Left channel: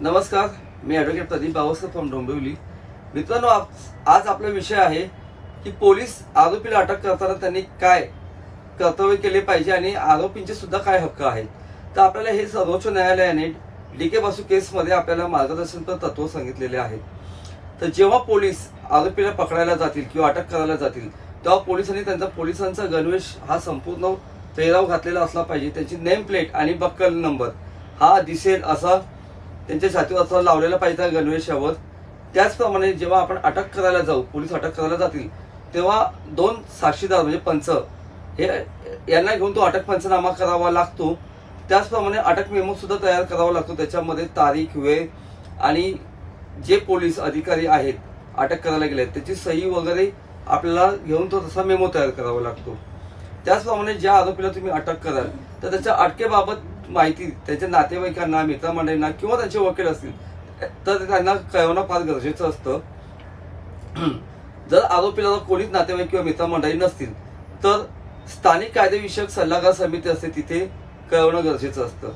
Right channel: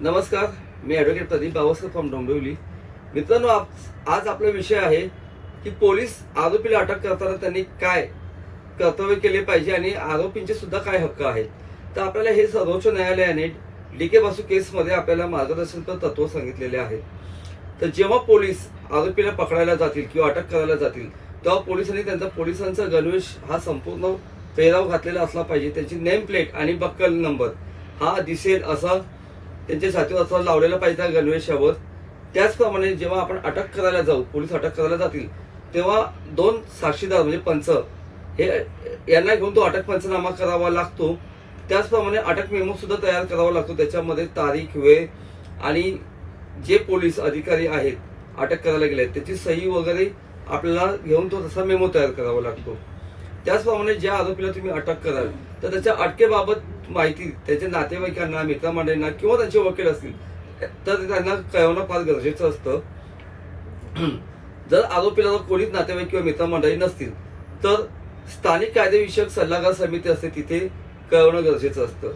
नमस्कार, मी advocate Pradeep Bawaskar from Dombivli. मित्रांनो, आज आपला विषय आहे की पोलीस आरोपीला अटक करताना त्यांनी काय कर्तव्य केले पाहिजे आणि आरोपींचे सुद्धा काय हक्क आहेत. तर आपल्याला हे सर्वोच्च न्यायालयाने डी.के. बासू केसमध्ये आपल्याला मार्गदर्शनपर तत्व सांगितलेले आहेत. तर जेव्हा पोलीस आरोपीला पकडायला जातील किंवा अटक करायला जातील तेव्हा पोलिसांनी पोलिसांचा गणवेश हा संपूर्ण पेहराव घातलेला असला पाहिजे. त्यांची नेम प्लेट आणि बक्कल नंबर हा दिसेल असा त्यांच्या छातीवर असं लावलेला पाहिजे त्या गणवेशावर. त्याचप्रमाणे जेव्हा आपण अटक करायला जाऊ, पोलीस अटक करायला जातील तेव्हा 2 साक्षीदार म्हणजे पंच हे यांना घेऊन तो अटक पंचनामा करावा लागतो. त्याचप्रमाणे अटक मेमो सुद्धा तयार करावा लागतो. त्याच्यामध्ये तारीख, वेळ आणि जे पोलीस अधिकारी आहेत अटक करायला गेले त्याची सही वगैरे आपल्याला घेऊन तो तसा मेमो तयार करावा लागतो. त्याचप्रमाणे ज्या आरोपीला तुम्ही अटक कराल तर त्याच्या अटकेबाबत माहिती त्याच्या नातेवाईकांना, मित्रमंडळींना किंवा त्यांचे वकील असतील तर त्यांना कळवणं फार गरजेचं असतं. जर आरोपीला कोणीच नातेवाईक किंवा मित्रमंडळी नसतील तर स्थानिक कायदेविषयक सल्लागार समिती असते, तिथे कळवणं गरजेचं असतं.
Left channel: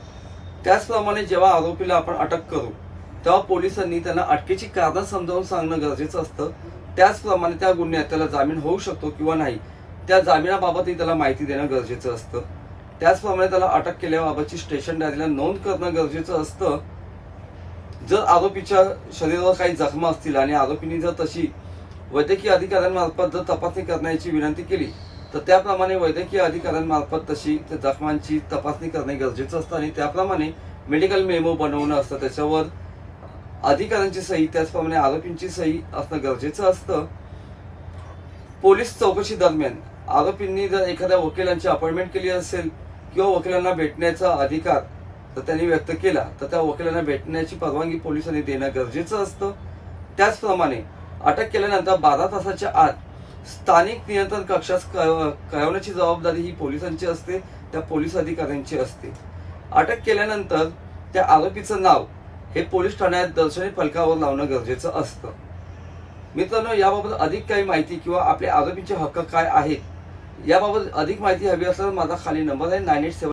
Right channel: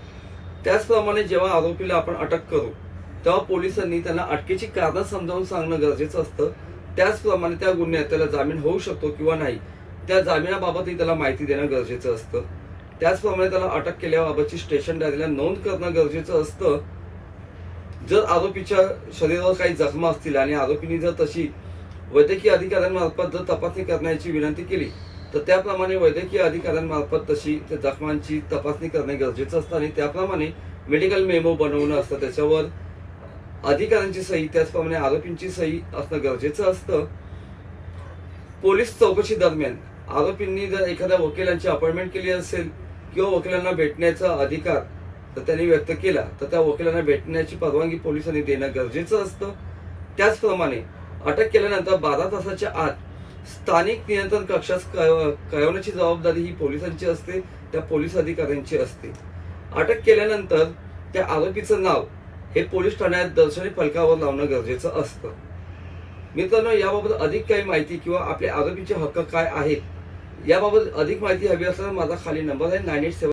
त्याचप्रमाणे जेव्हा आरोपीला आपण अटक करू तेव्हा पोलिसांनी त्यांना अटकेची कारणं समजावून सांगणं गरजेचं असतं. त्याचप्रमाणे त्या गुन्ह्यात त्याला जामीन होऊ शकतो किंवा नाही त्या जामिनाबाबतही त्याला माहिती देणं गरजेचं असतं. त्याचप्रमाणे त्याला अटक केल्याबाबतची स्टेशन डायरीला नोंद करणं गरजेचं असतं. जर आरोपीच्या शरीरावर काही जखमा असतील आणि आरोपींनी जर तशी वैद्यकीय अधिकाऱ्यांमार्फत जर तपासणी करण्याची विनंती केली तर त्याप्रमाणे वैद्यकीय अधिकाऱ्यांमार्फत तशी त्या जखमांची तपासणी करणे गरजेचं असतं आणि त्याप्रमाणे मेडिकल मेमो बनवणं असतं, त्याच्यावर अधिकाऱ्यांची सही त्याचप्रमाणे आरोपींची सही असणं गरजेचं असतं. पोलीस चौकशी दरम्यान आरोपींनी जर एखाद्या वकिलांची अपॉइंटमेंट केली असेल किंवा वकिलांना भेटण्याचा अधिकार तर त्यांनी व्यक्त केला तर त्या वकिलांना भेटण्याची परवानगी पोलिसांनी देणं गरजेचं असतं. त्याचप्रमाणे अटक केल्यानंतर 12 तासाच्या आत स्थानिक नियंत्रण कक्षास कळवण्याची जबाबदारी ही पोलिसांची असते, त्या पोलीस अधिकाऱ्यांची असते. अटक केल्यानंतर त्या आरोपीचं नाव हे पोलीस ठाण्यात दर्शनी फलकावर लावणं गरजेचं असतं. मित्रांनो, याबाबत अधिक काही माहिती किंवा आपल्या आरोपीचे हक्क काय आहेत याबाबत अधिक माहिती हवी असल्यास माझा खाली नंबर आहे 9872